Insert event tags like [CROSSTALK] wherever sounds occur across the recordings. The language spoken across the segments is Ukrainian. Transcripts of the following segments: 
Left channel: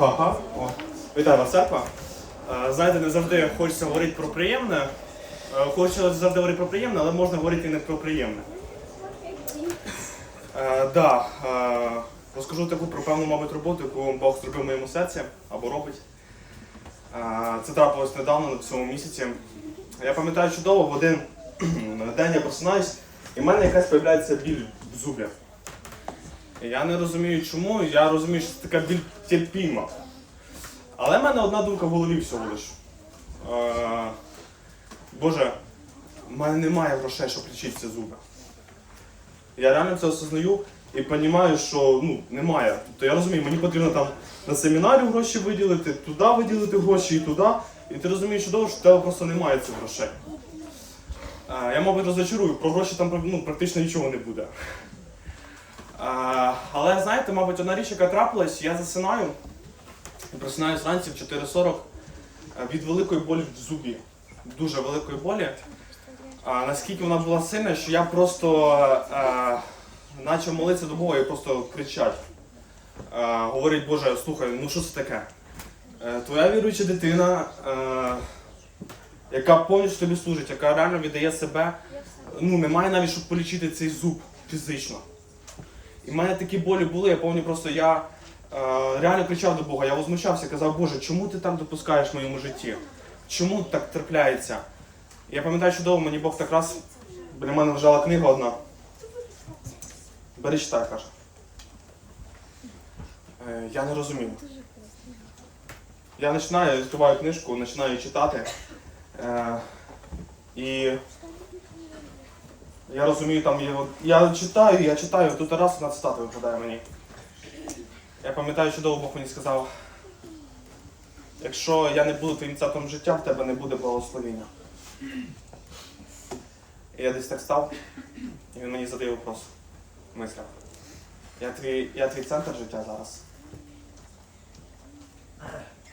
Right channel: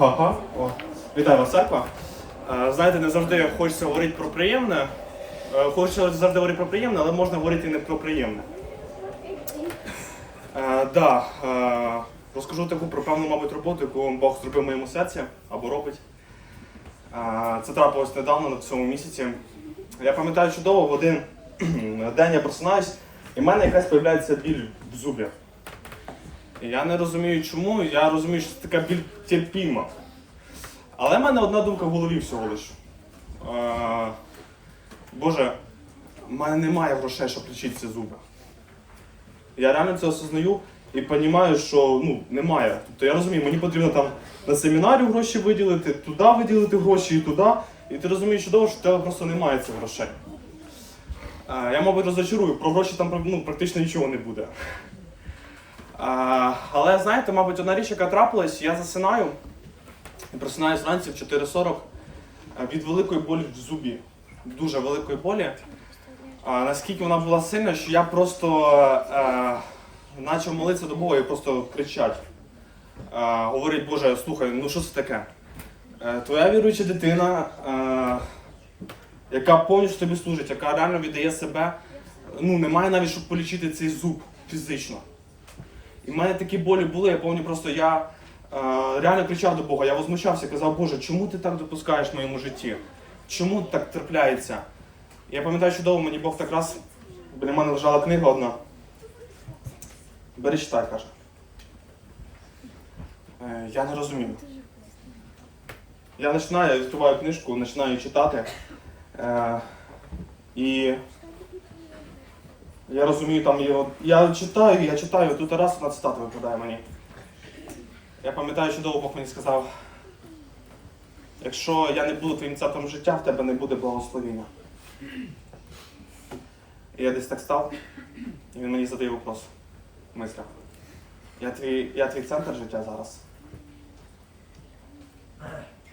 Ага. О. Вітаю вас, церква. Е, Знаєте, не завжди хочеться говорити про приємне. Е, Хочеться завжди говорити про приємне, але можна говорити і не про приємне. Е, да, розкажу таку про певну, мабуть, роботу, яку Бог зробив в моєму серці або робить. Це трапилось недавно, на цьому місяці. Я пам'ятаю чудово, в один [CLEARS THROAT] день я просинаюсь, і в мене якась з'являється біль в зубі. Я не розумію чому, я розумію, що це така біль терпіма. Але в мене одна думка в голові всього лиш. Е, Боже, в мене немає грошей, щоб лічити ці зуби. Я реально це осознаю і розумію, що ну, немає. Тобто я розумію, мені потрібно там на семінарі гроші виділити, туди виділити гроші і туди. І ти розумієш що в тебе просто немає цих грошей. Е, Я, мабуть, розочарую, про гроші там ну, практично нічого не буде. А, але знаєте, мабуть, одна річ, яка трапилась, я засинаю і просинаюсь вранці в 4.40 е, від великої болі в зубі. Дуже великої болі. А, наскільки вона була сильна, що я просто е, почав молитися до Бога і просто кричать. Е, говорить, Боже, слухай, ну що це таке? Твоя віруюча дитина, е, яка повністю тобі служить, яка реально віддає себе, ну немає навіть, щоб полічити цей зуб фізично. І в мене такі болі були, я пам'ятаю, просто я е, реально кричав до Бога, я возмущався, казав, Боже, чому ти так допускаєш в моєму житті? Чому так трапляється? Я пам'ятаю чудово, мені Бог так раз, біля мене лежала книга одна. Бери читай, каже. Е, я не розумію. Я починаю, я відкриваю книжку, починаю читати. Е, і я розумію, там є. Я читаю, я читаю, тут раз одна цитата випадає мені. Я пам'ятаю, чудово Бог мені сказав, якщо я не буду твоїм царством життя, в тебе не буде благословіння. І я десь так став, і він мені задає вопрос в мислях. Я твій, я твій центр життя зараз?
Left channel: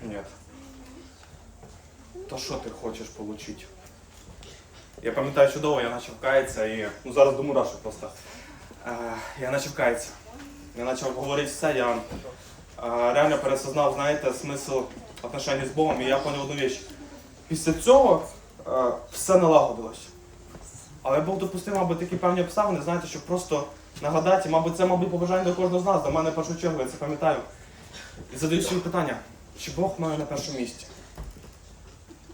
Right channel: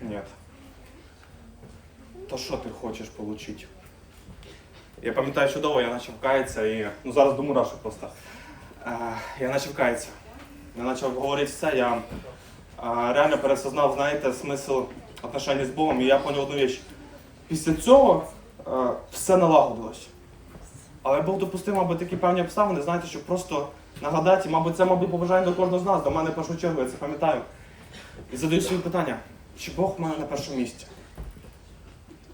Ні. То що ти хочеш отримати? Я пам'ятаю чудово, я почав каятися і ну зараз до мурашок просто. Е, я почав каятися. Я почав говорити все, я е, реально пересознав, знаєте, смисл отношень з Богом, і я поняв одну річ. Після цього е, все налагодилось. Але Бог допустив, мабуть, такі певні обставини, знаєте, щоб просто нагадати, мабуть, це, мабуть, побажання до кожного з нас, до мене в першу чергу, я це пам'ятаю. І задаю собі питання, чи Бог в мене на першому місці?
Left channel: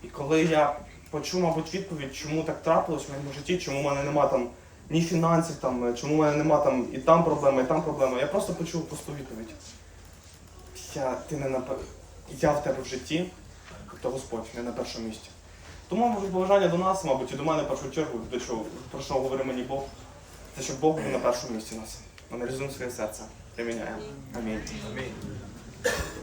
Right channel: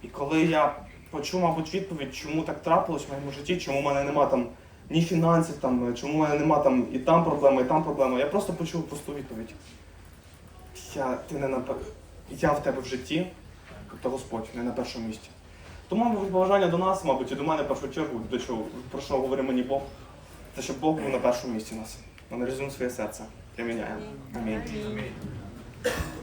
І коли я почув, мабуть, відповідь, чому так трапилось в моєму житті, чому в мене нема там ні фінансів, там, чому в мене нема там і там проблема, і там проблема, я просто почув просту відповідь. Я, ти не на, я в тебе в житті, тобто Господь, не на першому місці. Тому, мабуть, побажання до нас, мабуть, і до мене в першу чергу, до чого, про що говорить мені Бог, те, щоб Бог був на першому місці нас. Аналізуємо своє серце. Приміняємо. Амінь.